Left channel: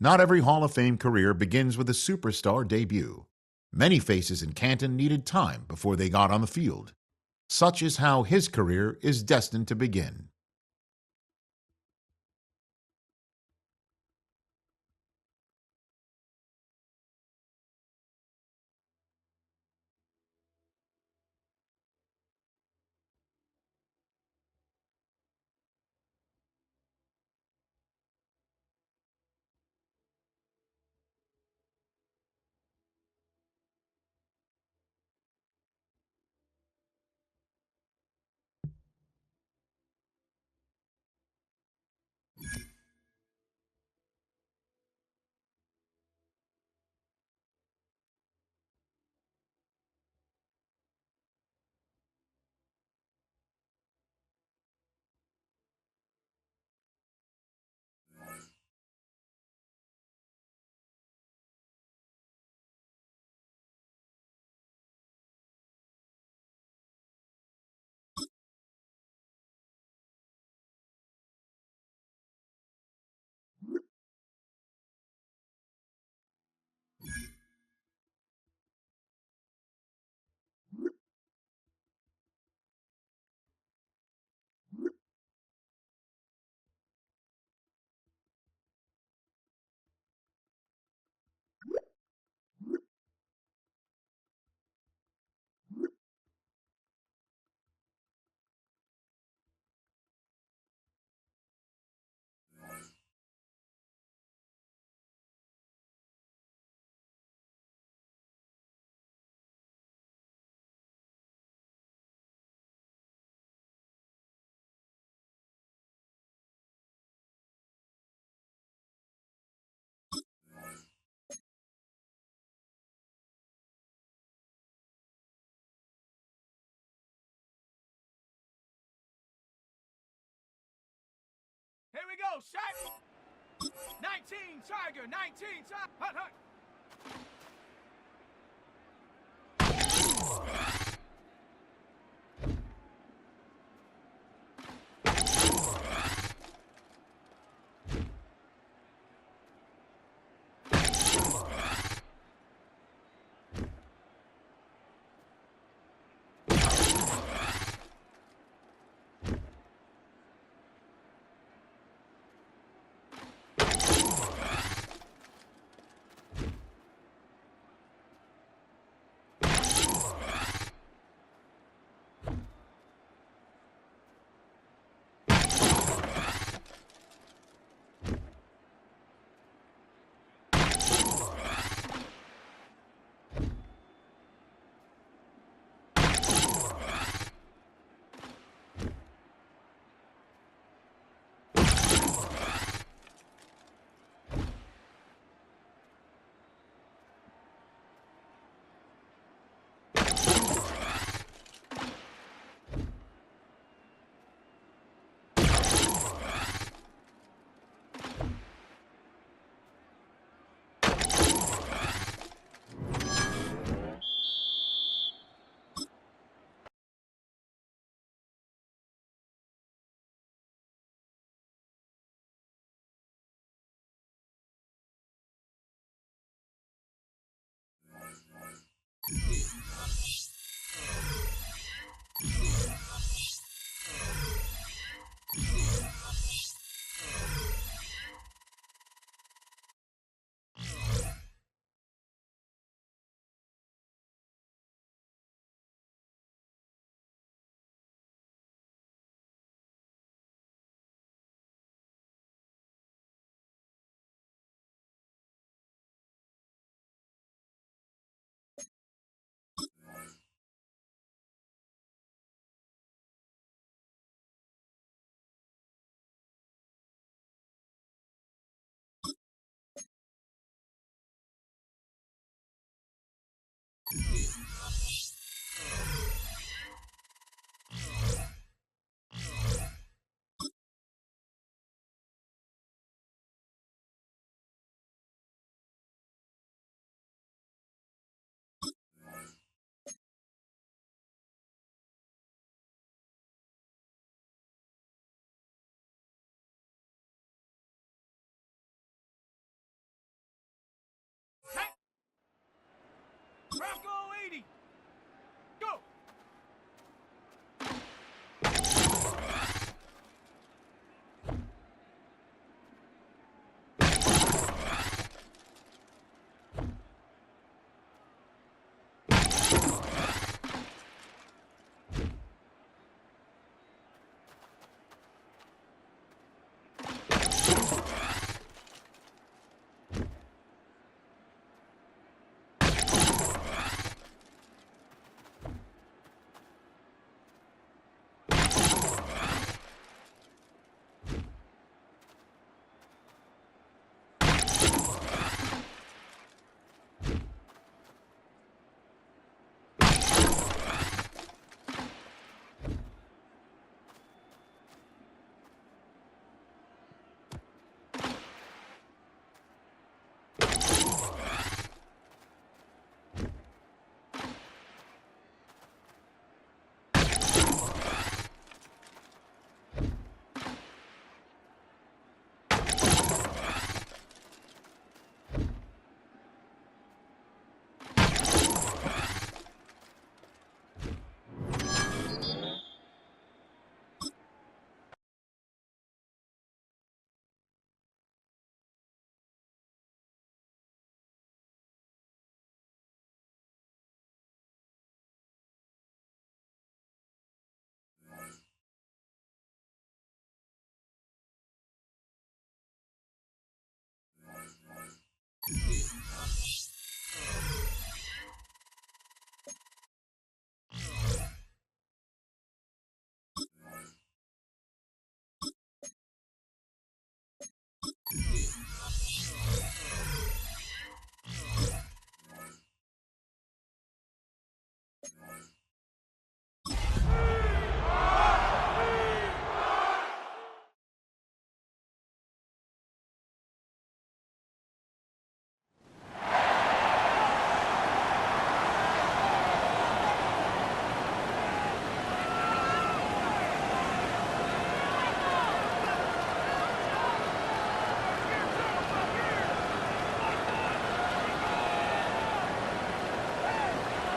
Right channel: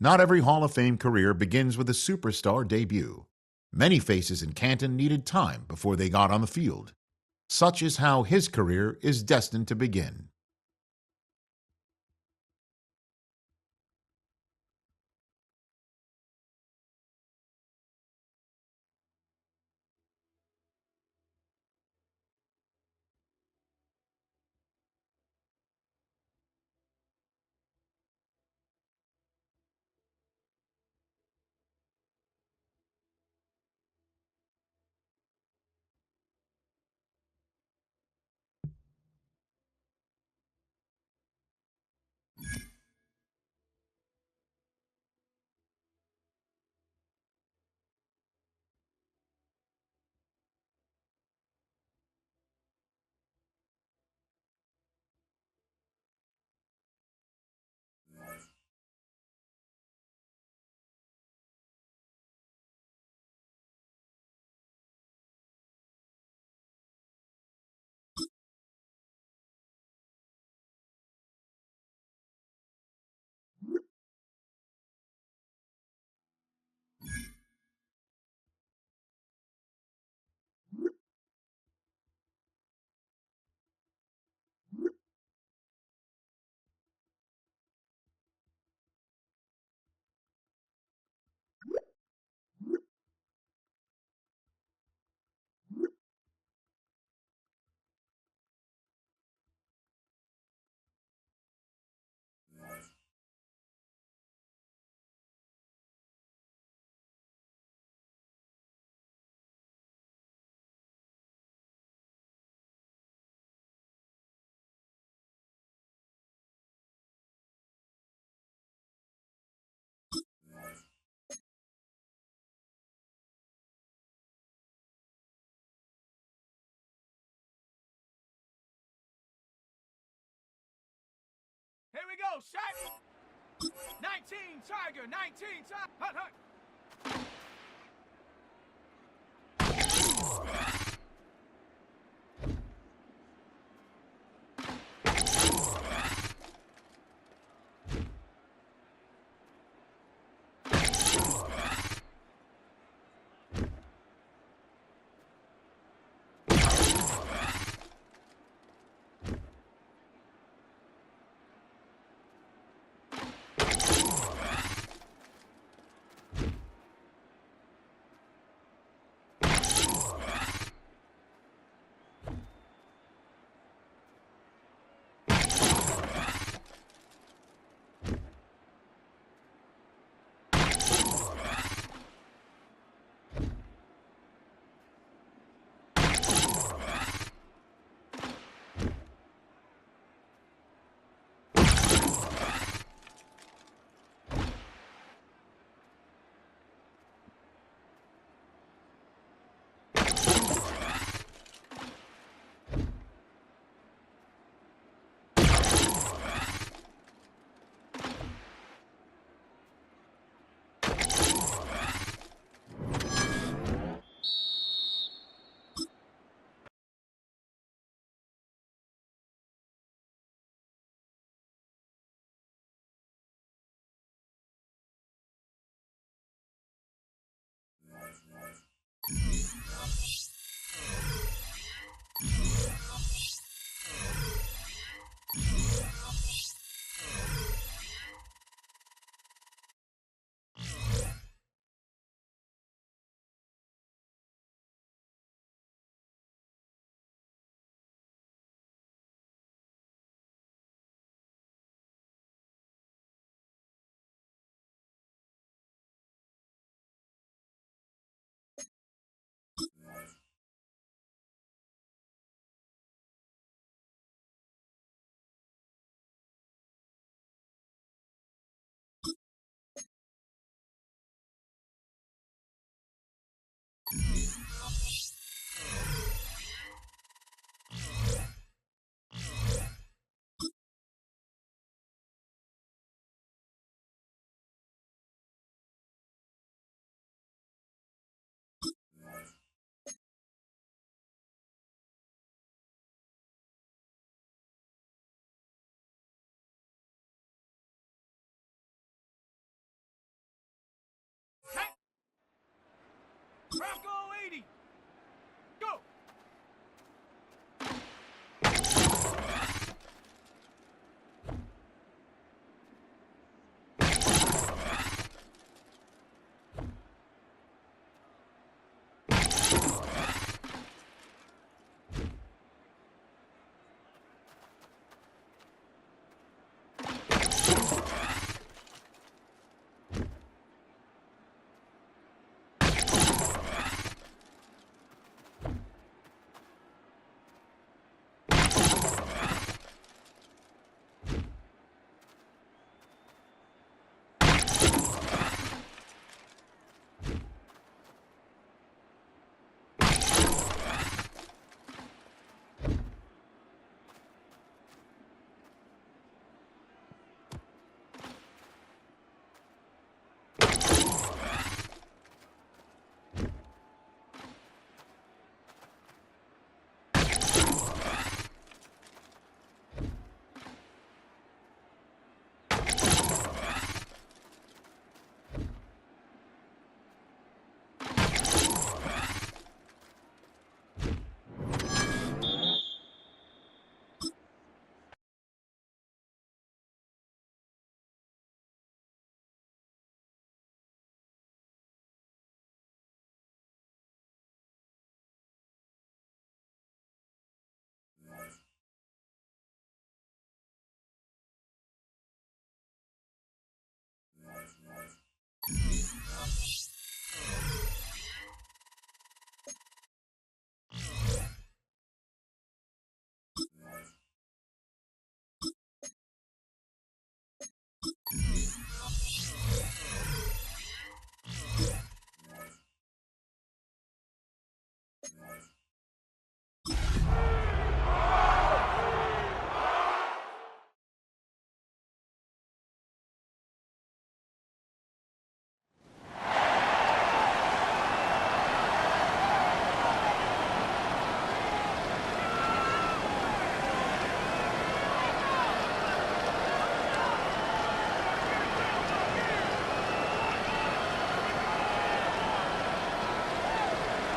Not every Hall of Fame career begins with a superstar debut. Many faces in Canton needed time before they got on the field. Such is how his career is destined to begin. Here we go, shot! 19 Tiger, 19 Tiger, hut, hut!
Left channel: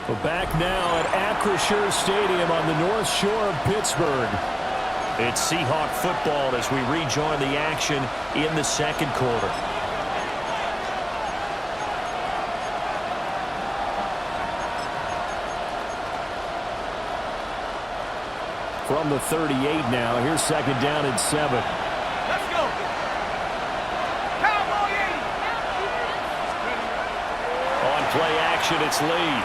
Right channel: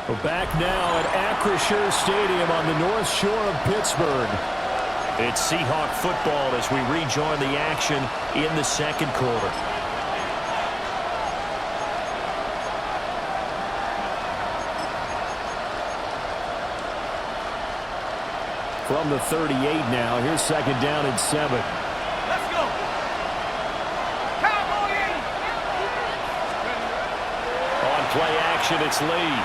We're back now at Acrisure Stadium on the North Shore of Pittsburgh. It's Seahawk football as we rejoin the action in the second quarter. From the 38 now, here's second down and 7. Let's go. Cowboy 80. On play action, it's Lee.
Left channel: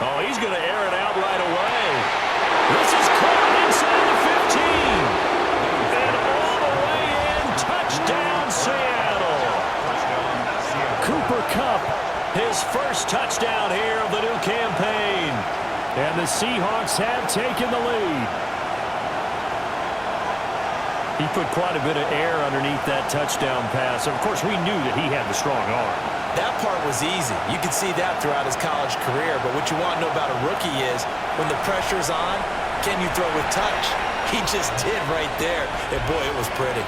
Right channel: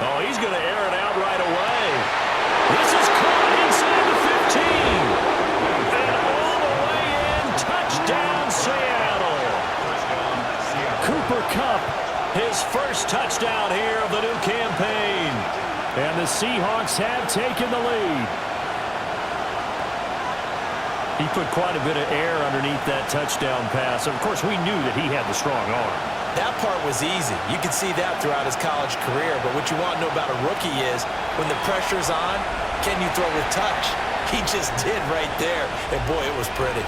Oh, he's going to air it out right away. This is caught inside the 15. And all the way in, touchdown Seattle. Cooper Kupp, his first touchdown here of the new campaign. And the Seahawks have taken the lead. He put quite a bit of air underneath that touchdown pass. Of course, we knew that he had the strong arm. That part was easy. You could see that throughout his college career. But what you want to know about a rookie is when the pressure's on, can you throw with touch? He just did right there. And, boy, it was pretty.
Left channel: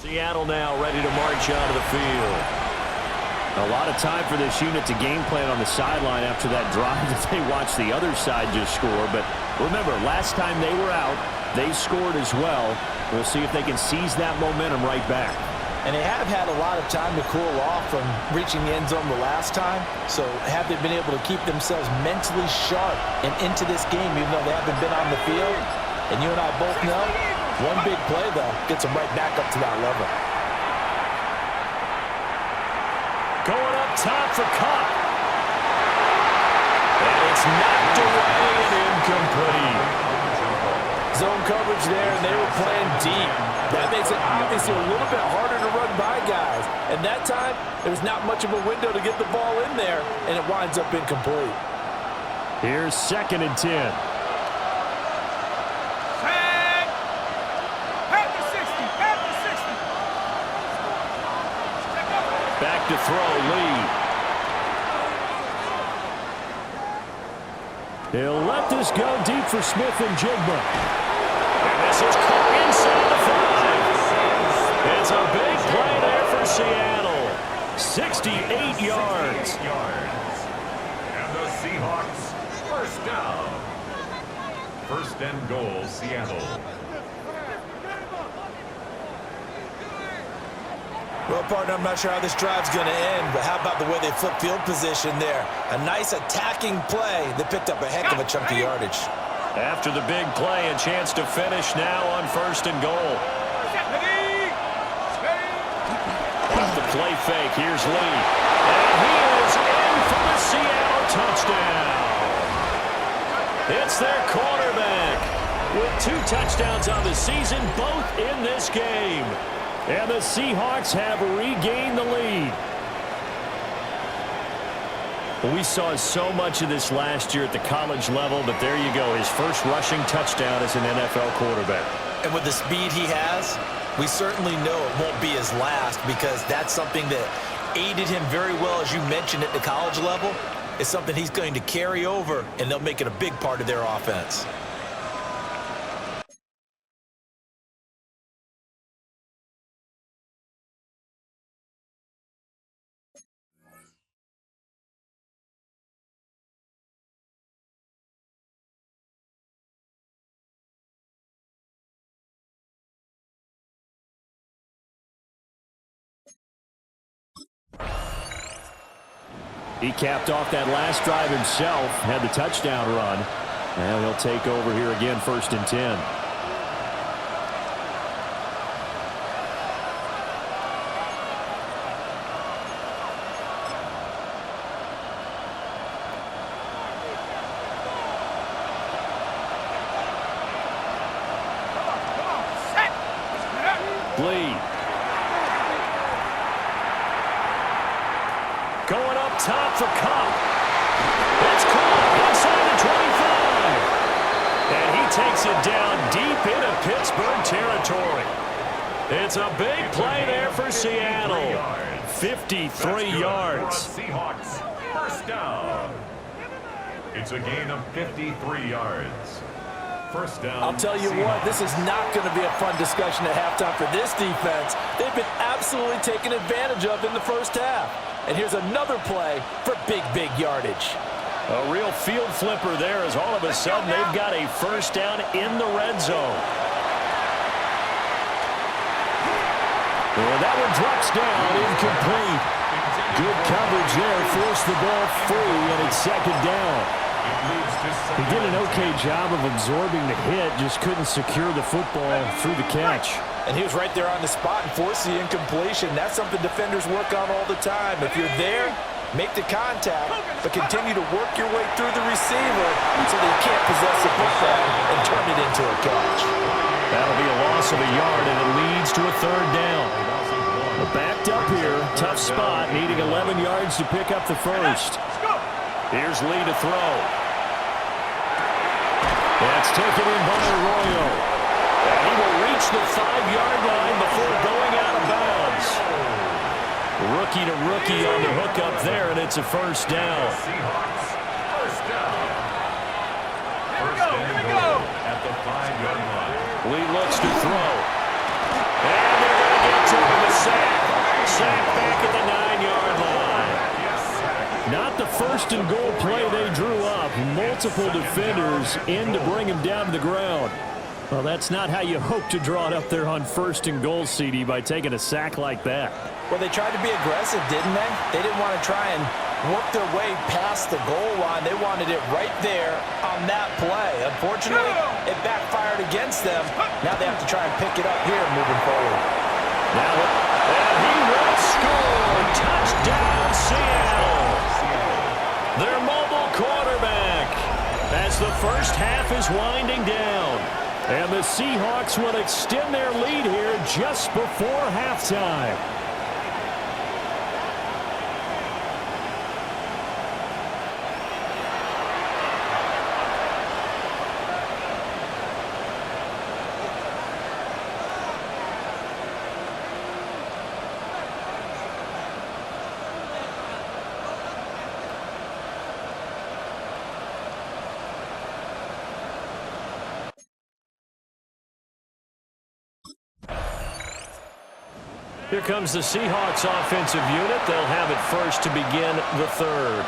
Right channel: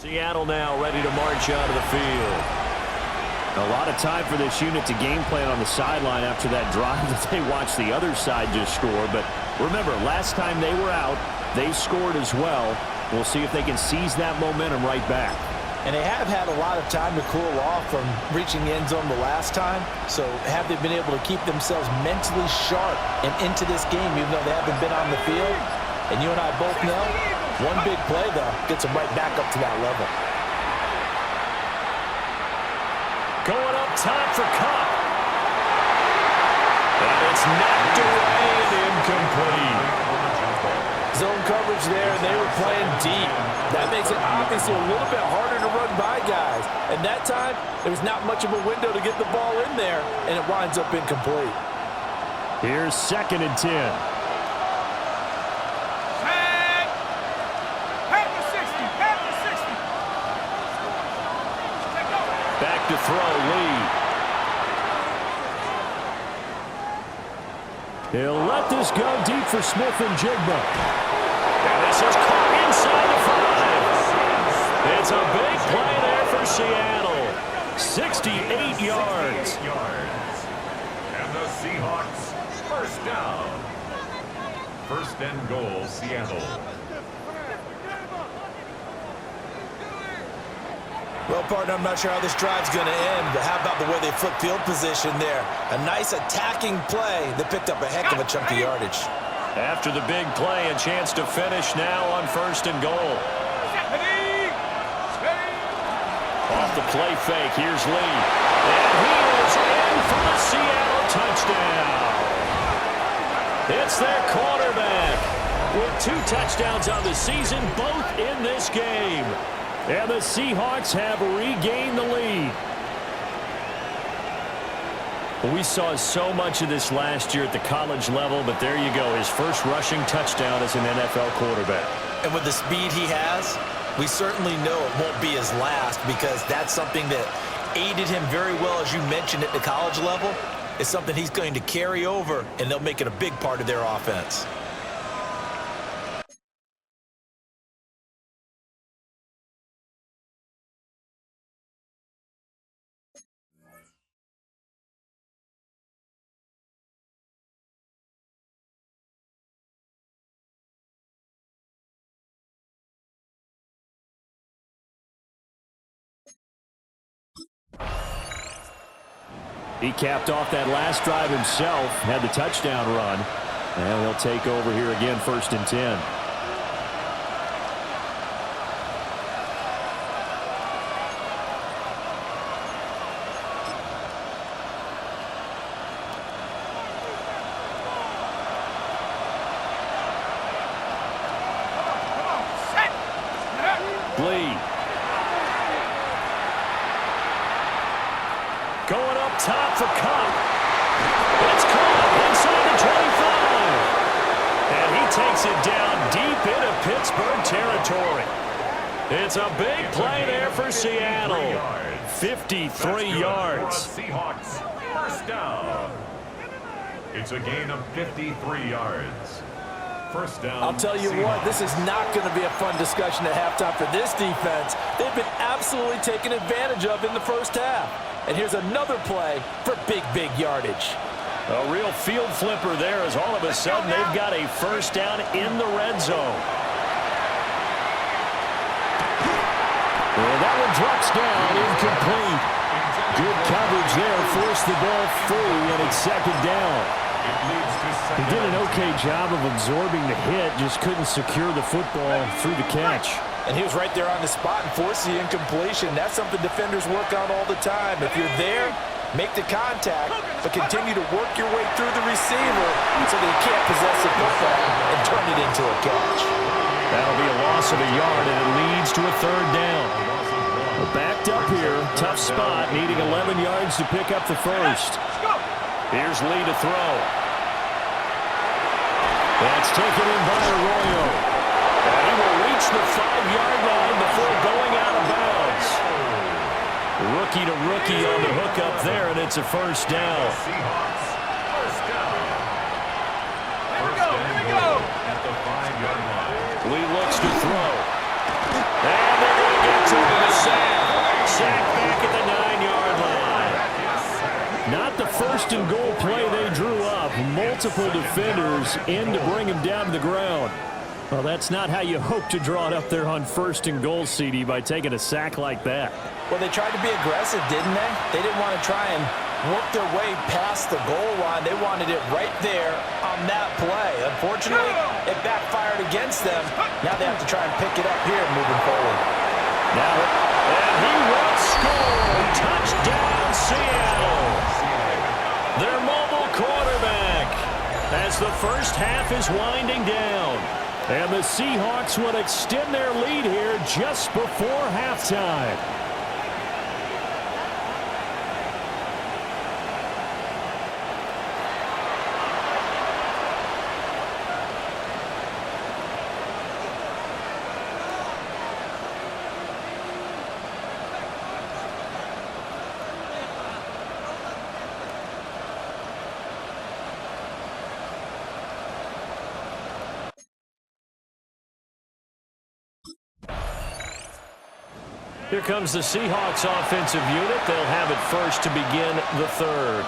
Seattle now ready to march onto the field. A lot of time for this unit to game plan on the sideline after that drive that they watched the other side just score. But remember, last time they were out, they scored as well. We'll see if they can seize that momentum right back. And they have had a lot of time to cool off from reaching the end zone the last time. So have they been able to keep themselves mentally sharp and into this game even though they haven't been on the field? And you and I both know, one big play, though, gets them right back up to that level. Going up top for Kupp. And it's knocked away and incomplete. Zone coverage there, and they were playing deep. That makes it obviously a little bit harder to run by guys. And that time, there was not much of a window to get the ball in there, and it winds up incomplete. Here's second and 10. Back to throw, Lee. He'll let this go deep for Smith and Jigba. And this is caught inside the 5. It's a big play there for Seattle. 68 yards. And the Seahawks, first down. First and goal, Seattle. Well, partner, I'm not sure how this drive's going to end, but how about the way they flip field position there? A nice attacking play that picked up a heck of a chunk of yardage. After the big play, a chance to finish now on first and goal. Off the play fake, here's Lee. And he is in for the Seattle touchdown. It's their quarterback with 2 touchdowns on the season, both in this game. And the Seahawks have regained the lead. We saw so much of this last year at the college level, but there you go, his first rushing touchdown as an NFL quarterback. And with the speed he has, we certainly know it won't be his last because that's something that aided him very well, as you mentioned, at the college level. It's something he's going to carry over, and they'll make it a big part of their offense. He capped off that last drive himself, had the touchdown run. And he'll take over here again, 1st and 10. Lee. Going up top for Cup. It's caught inside the 25. And he takes it down deep into Pittsburgh territory. It's a big play there for Seattle. 53 yards. Seahawks, 1st down. It's a gain of 53 yards. 1st down. I'll tell you what, this is not going to be a fun discussion at halftime for this defense. They've been absolutely taken advantage of in the 1st half. And here's another play for big yardage. A real field flipper there as all of a sudden they've got a 1st down in the red zone. And that one drops down, incomplete. Good coverage there, forced the ball free, and it's 2nd down. He did an okay job of absorbing the hit, just couldn't secure the football through the catch. And he was right there on the spot and forced the incompletion. That's something defenders work on all the time. If you're there, make the contact, but continue to work your way through the receiver so that you can't possess the football and turn it into a catch. That'll be a loss of a yard, and it leads to a 3rd down. Backed up here, tough spot, needing 11 yards to pick up the 1st. Here's Lee to throw. That's taken in by Arroyo. And he will reach the 5-yard line before going out of bounds. Rookie to rookie on the hookup there, and it's a 1st down. Seahawks, 1st down. Here we go. At the 5-yard line. Lee looks to throw. And they're going to get to him, a sack. Sack back at the 9-yard line. Not the 1st and goal play they drew up. Multiple defenders in to bring him down to the ground. Well, that's not how you hope to draw it up there on 1st and goal, CD, by taking a sack like that. Well, they tried to be aggressive, didn't they? They didn't want to try and work their way past the goal line. They wanted it right there on that play. Unfortunately, it backfired against them. Now they have to try and pick it up here moving forward. Now, and he will score. Touchdown, Seattle. Their mobile quarterback as the 1st half is winding down. And the Seahawks will extend their lead here just before halftime. Here comes the Seahawks offensive unit. They'll have it first to begin the 3rd.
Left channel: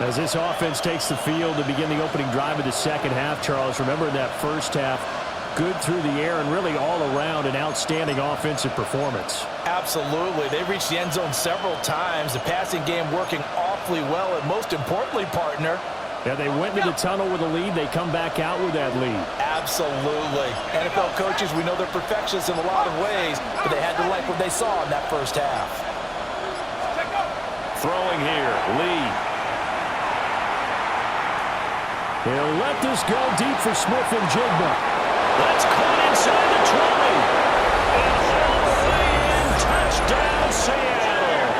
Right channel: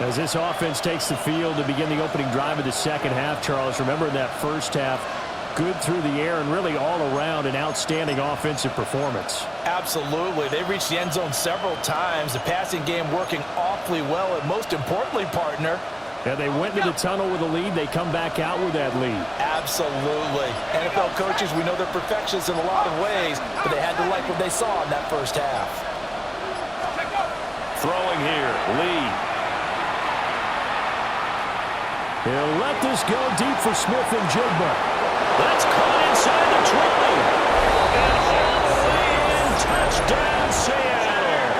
As this offense takes the field to begin the opening drive of the 2nd half, Charles, remember in that 1st half, good through the air and really all around an outstanding offensive performance. Absolutely. They reached the end zone several times. The passing game working awfully well, and most importantly, partner, yeah, they went into the tunnel with a lead. They come back out with that lead. Absolutely. NFL coaches, we know they're perfectionists in a lot of ways, but they had to like what they saw in that 1st half. Throwing here, Lee. He'll let this go deep for Smith and Jigba. That's caught inside the 20. And all the way in, touchdown Seattle.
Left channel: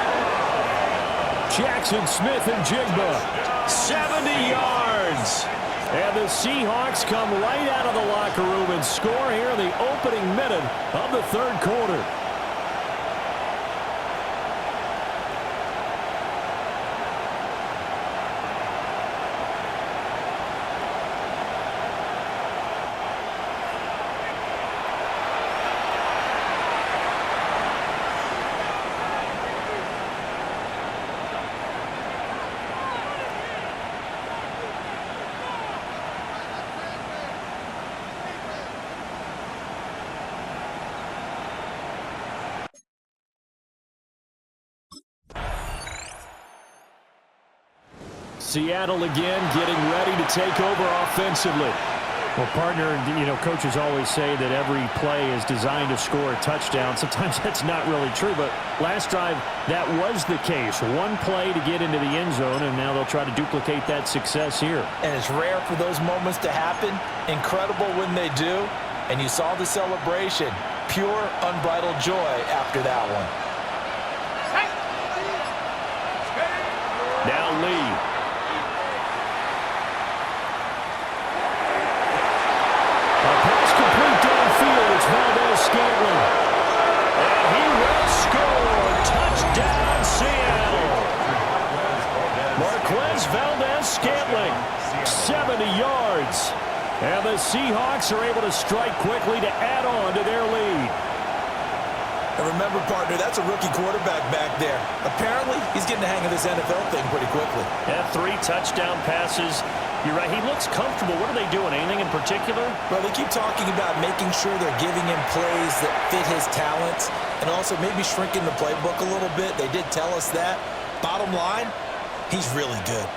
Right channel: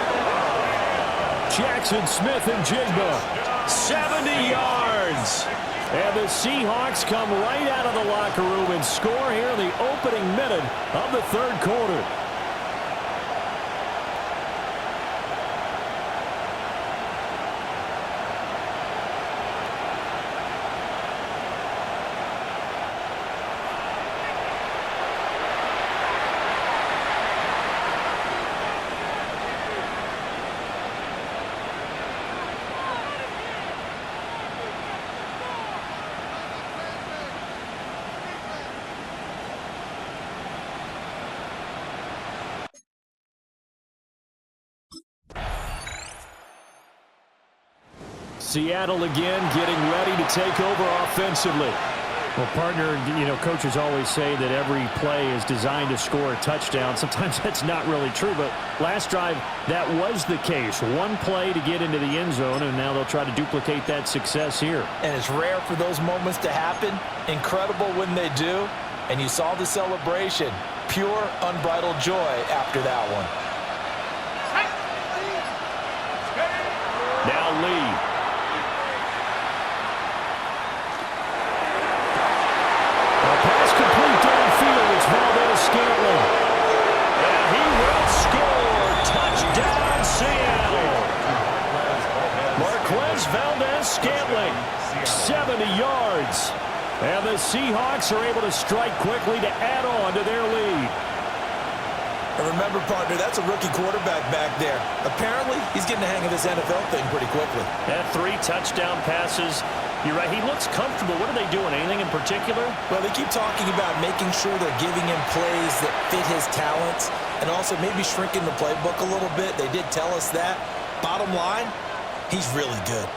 Jackson Smith and Jigba. 70 yards. And the Seahawks come right out of the locker room and score here in the opening minute of the 3rd quarter. Seattle again getting ready to take over offensively. Well, partner, coaches always say that every play is designed to score a touchdown. Sometimes that's not really true, but last drive, that was the case. One play to get into the end zone, and now they'll try to duplicate that success here. And it's rare for those moments to happen. Incredible when they do. And you saw the celebration. Pure, unbridled joy after that one. Now Lee. A pass complete downfield. It's Valdez-Scantling. And he will score. Touchdown, Seattle. Marquez Valdez-Scantling, 70 yards. And the Seahawks are able to strike quickly to add on to their lead. And remember, partner, that's a rookie quarterback back there. Apparently, he's getting the hang of this NFL thing pretty quickly. Yeah, 3 touchdown passes. You're right, he looks comfortable. What are they doing? Anything in particular? Well, they keep talking about making sure they're giving him plays that fit his talents and also maybe shrinking the playbook a little bit. They did tell us that. Bottom line, he's really good.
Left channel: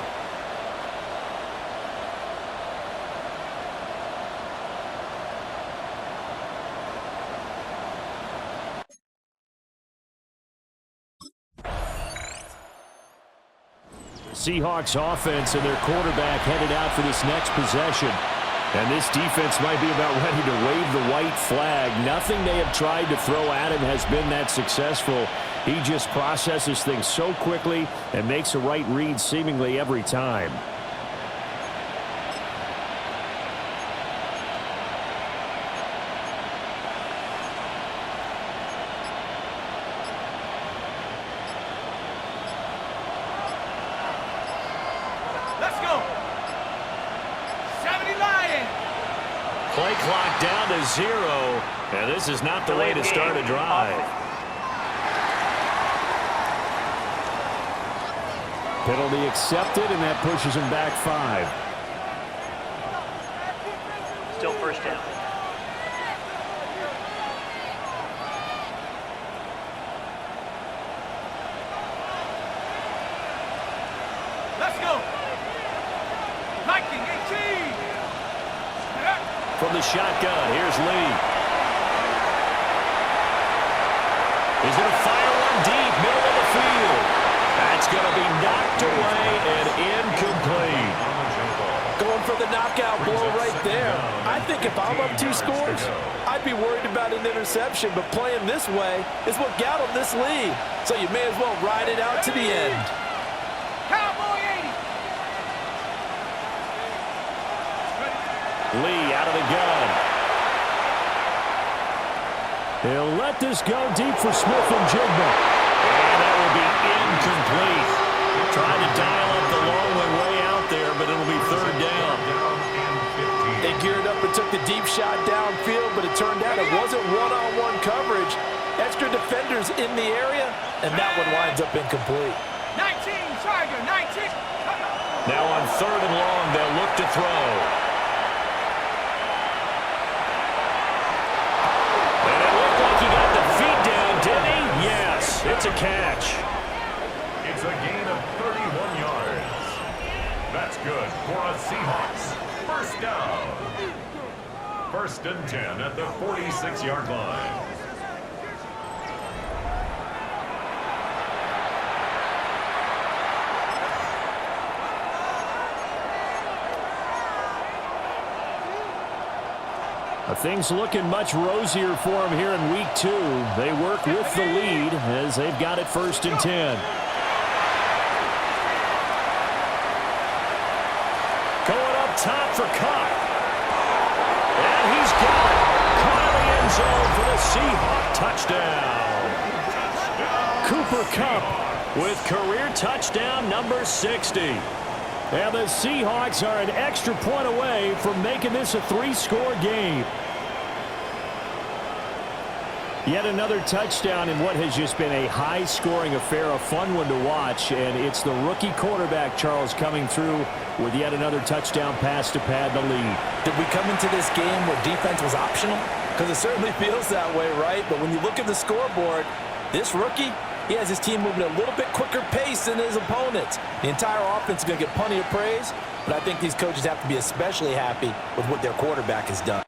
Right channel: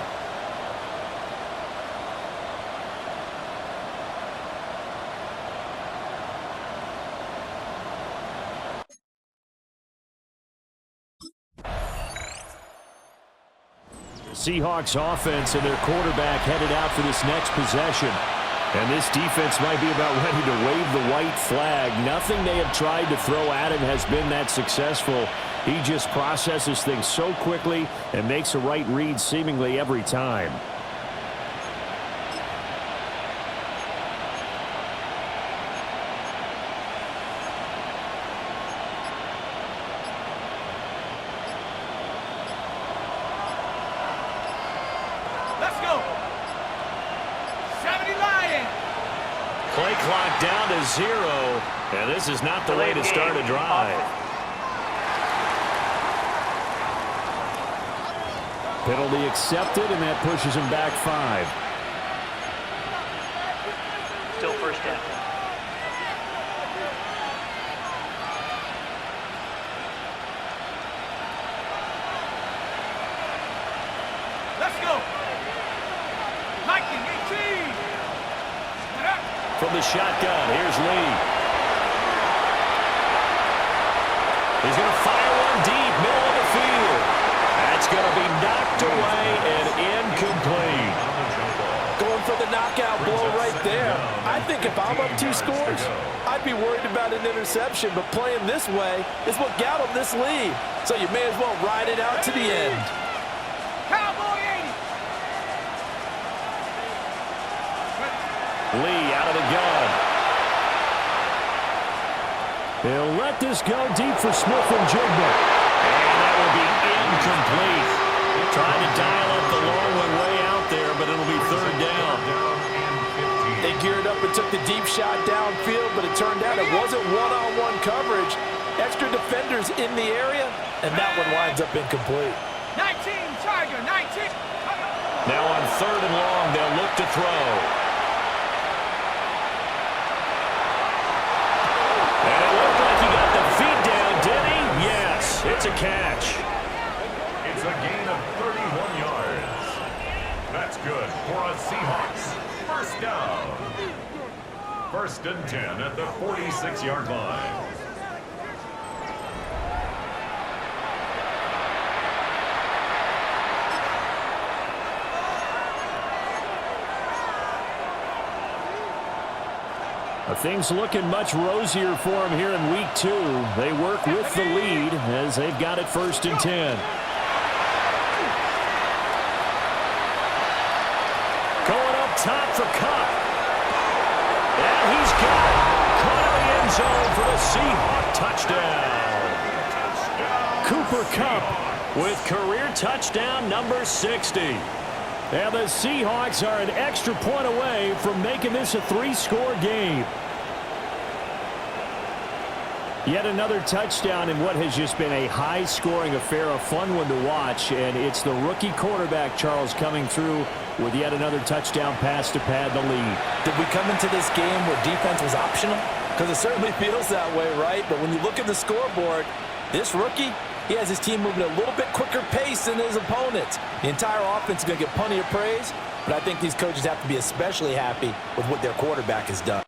Seahawks offense and their quarterback headed out for this next possession. And this defense might be about ready to wave the white flag. Nothing they have tried to throw at him has been that successful. He just processes things so quickly and makes a right read seemingly every time. Play clock down to 0, and this is not the way to start a drive. Penalty accepted, and that pushes him back 5. Still first down. Let's go. Liking 18. From the shotgun, here's Lee. He's going to fire one deep, middle of the field. That's going to be knocked away and incomplete. Going for the knockout blow right there. I think if I'm up 2 scores, I'd be worried about an interception, but playing this way is what got him this lead. So you may as well ride it out to the end. Cowboy 80. Lee out of the gun. He'll let this go deep for Smith and Jigba. And that will be incomplete. Trying to dial up the long one way out there, but it'll be 3rd down. They geared up and took the deep shot downfield, but it turned out it wasn't one-on-one coverage. Extra defenders in the area, and that one winds up incomplete. 19, Tiger, 19. Now on 3rd and long, they'll look to throw. And it looked like he got the feet down, did he? Yes, it's a catch. It's a gain of 31 yards. That's good for a Seahawks. First down. 1st and 10 at the 46-yard line. Things looking much rosier for them here in week 2. They work with the lead as they've got it 1st and 10. Going up top for Kupp. And he's got it. Caught in the end zone for the Seahawk touchdown. Cooper Kupp with career touchdown number 60. And the Seahawks are an extra point away from making this a 3-score game. Yet another touchdown in what has just been a high-scoring affair, a fun one to watch. And it's the rookie quarterback, Charles, coming through with yet another touchdown pass to pad the lead. Did we come into this game where defense was optional? Because it certainly feels that way, right? But when you look at the scoreboard, this rookie, He has his team moving at a little bit quicker pace than his opponents. The entire offense is going to get plenty of praise, but I think these coaches have to be especially happy with what their quarterback has done.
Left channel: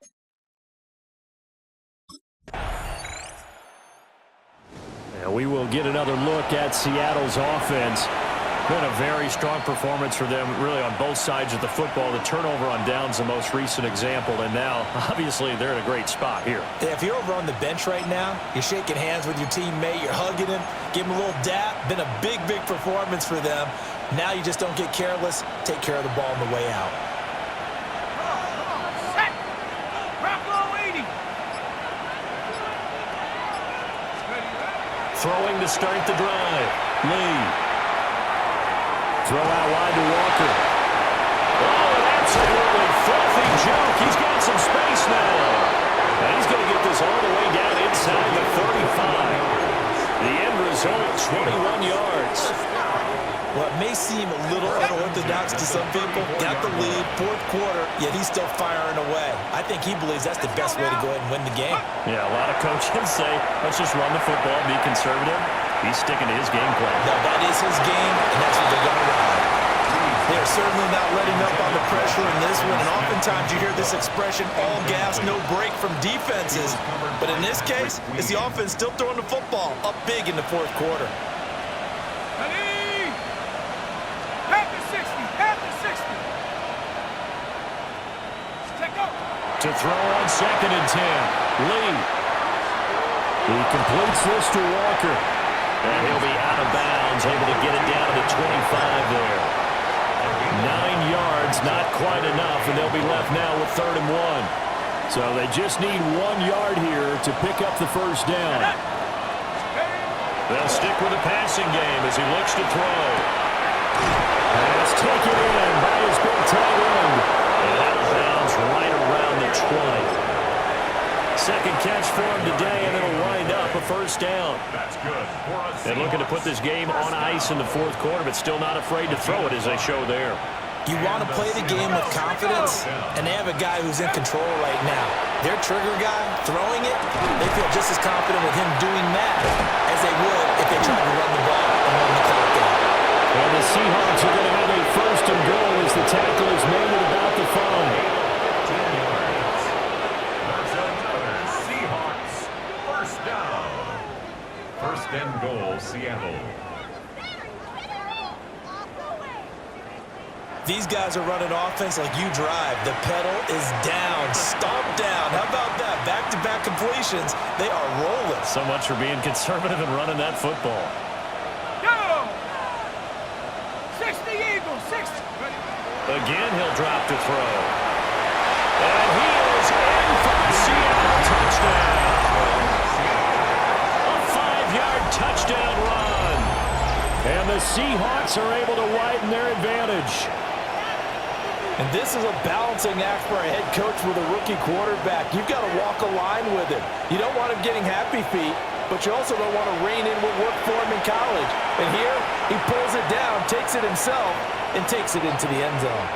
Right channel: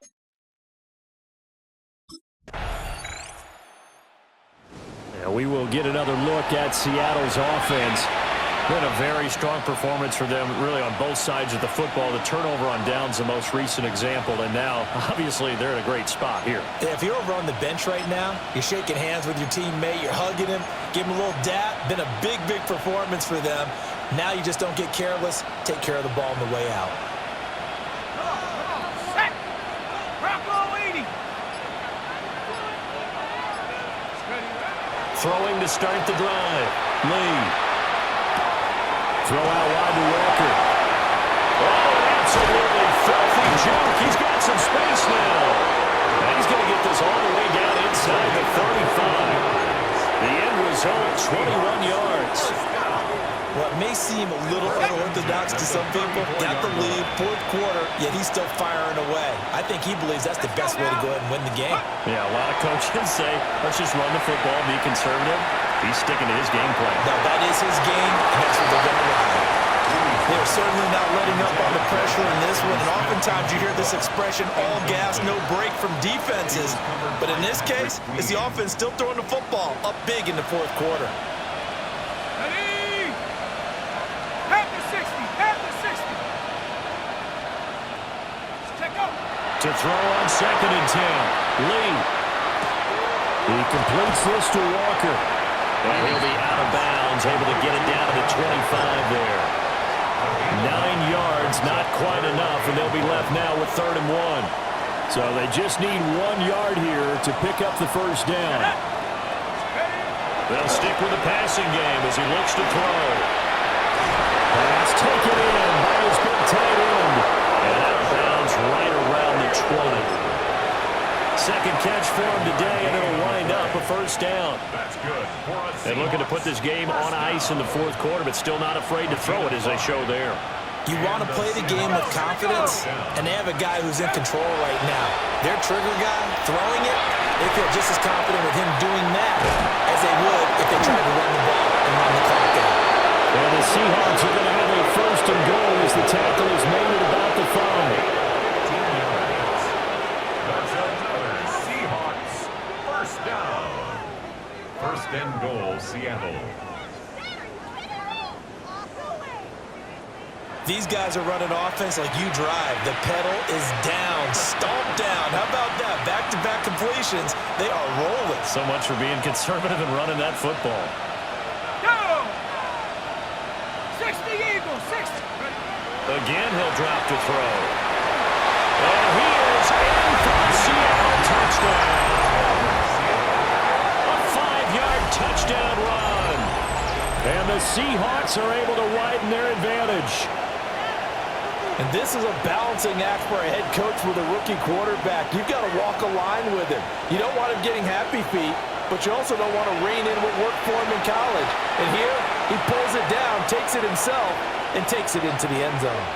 Yeah, we will get another look at Seattle's offense. Been a very strong performance for them, really, on both sides of the football. The turnover on downs, the most recent example, and now, obviously, they're in a great spot here. Yeah, if you're over on the bench right now, you're shaking hands with your teammate, you're hugging him, give him a little dap. Been a big, big performance for them. Now you just don't get careless. Take care of the ball on the way out. Come on, set. Bronco 80. Throwing to start the drive. Lee. Throw out wide to Walker. Oh, an absolutely filthy juke. He's got some space now. And he's going to get this all the way down inside the 35. The end result, 21 yards. Well, it may seem a little unorthodox to some people. Got the lead, fourth quarter, yet he's still firing away. I think he believes that's the best way to go ahead and win the game. Yeah, a lot of coaches say, let's just run the football, be conservative. He's sticking to his game plan. No, that is his game, and that's what they're going to ride. They're certainly not letting up on the pressure in this one, and oftentimes you hear this expression, all gas, no break from defenses. But in this case, it's the offense still throwing the football up big in the fourth quarter. Ready? Half the 60, half the 60. Check out. To throw on 2nd and 10. Lee. He completes this to Walker. And he'll be out of bounds, able to get it down to the 25 there. 9 yards, not quite enough, and they'll be left now with 3rd and 1. So they just need 1 yard here to pick up the first down. They'll stick with the passing game as he looks to throw. Pass taken in by his big tight end. And out of bounds right around the 20. Second catch for him today, and it'll wind up a first down. That's good. And looking to put this game on ice in the fourth quarter, but still not afraid to throw it as they show there. You want to play the game with confidence, and they have a guy who's in control right now. Their trigger guy, throwing it, they feel just as confident with him doing that as they would if they tried to run the ball and run the clock out. And the Seahawks are going to have a first and goal as the tackle is made at about the 5. First and goal, Seattle. These guys are running offense like you drive. The pedal is down, stomped down. How about that? Back-to-back completions. They are rolling. So much for being conservative and running that football. Go! 60 Eagles, 60. Ready? Again, he'll drop to throw. And he is in for the Seattle touchdown. Touchdown run. And the Seahawks are able to widen their advantage. And this is a balancing act for a head coach with a rookie quarterback. You've got to walk a line with him. You don't want him getting happy feet, but you also don't want to rein in what worked for him in college. And here, he pulls it down, takes it himself, and takes it into the end zone.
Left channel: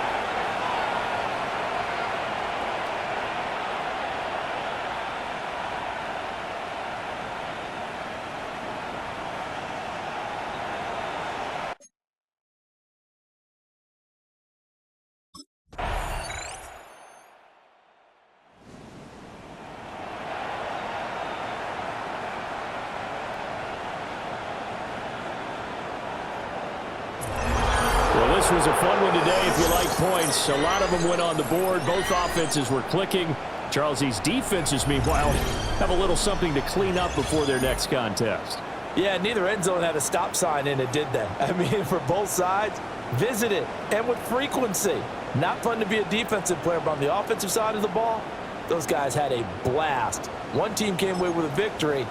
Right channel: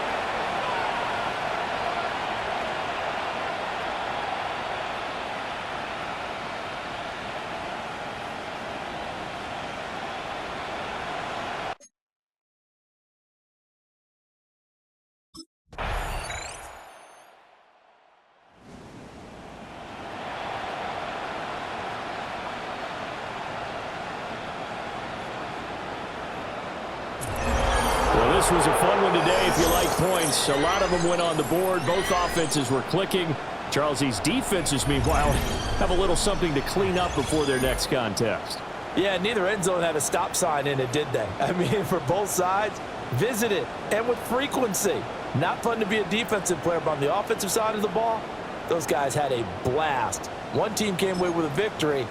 Well, this was a fun one today if you like points. A lot of them went on the board. Both offenses were clicking. Charles, these defenses, meanwhile, have a little something to clean up before their next contest. Yeah, neither end zone had a stop sign in it, did they? I mean, for both sides, visit it, and with frequency. Not fun to be a defensive player, but on the offensive side of the ball, those guys had a blast. One team came away with a victory,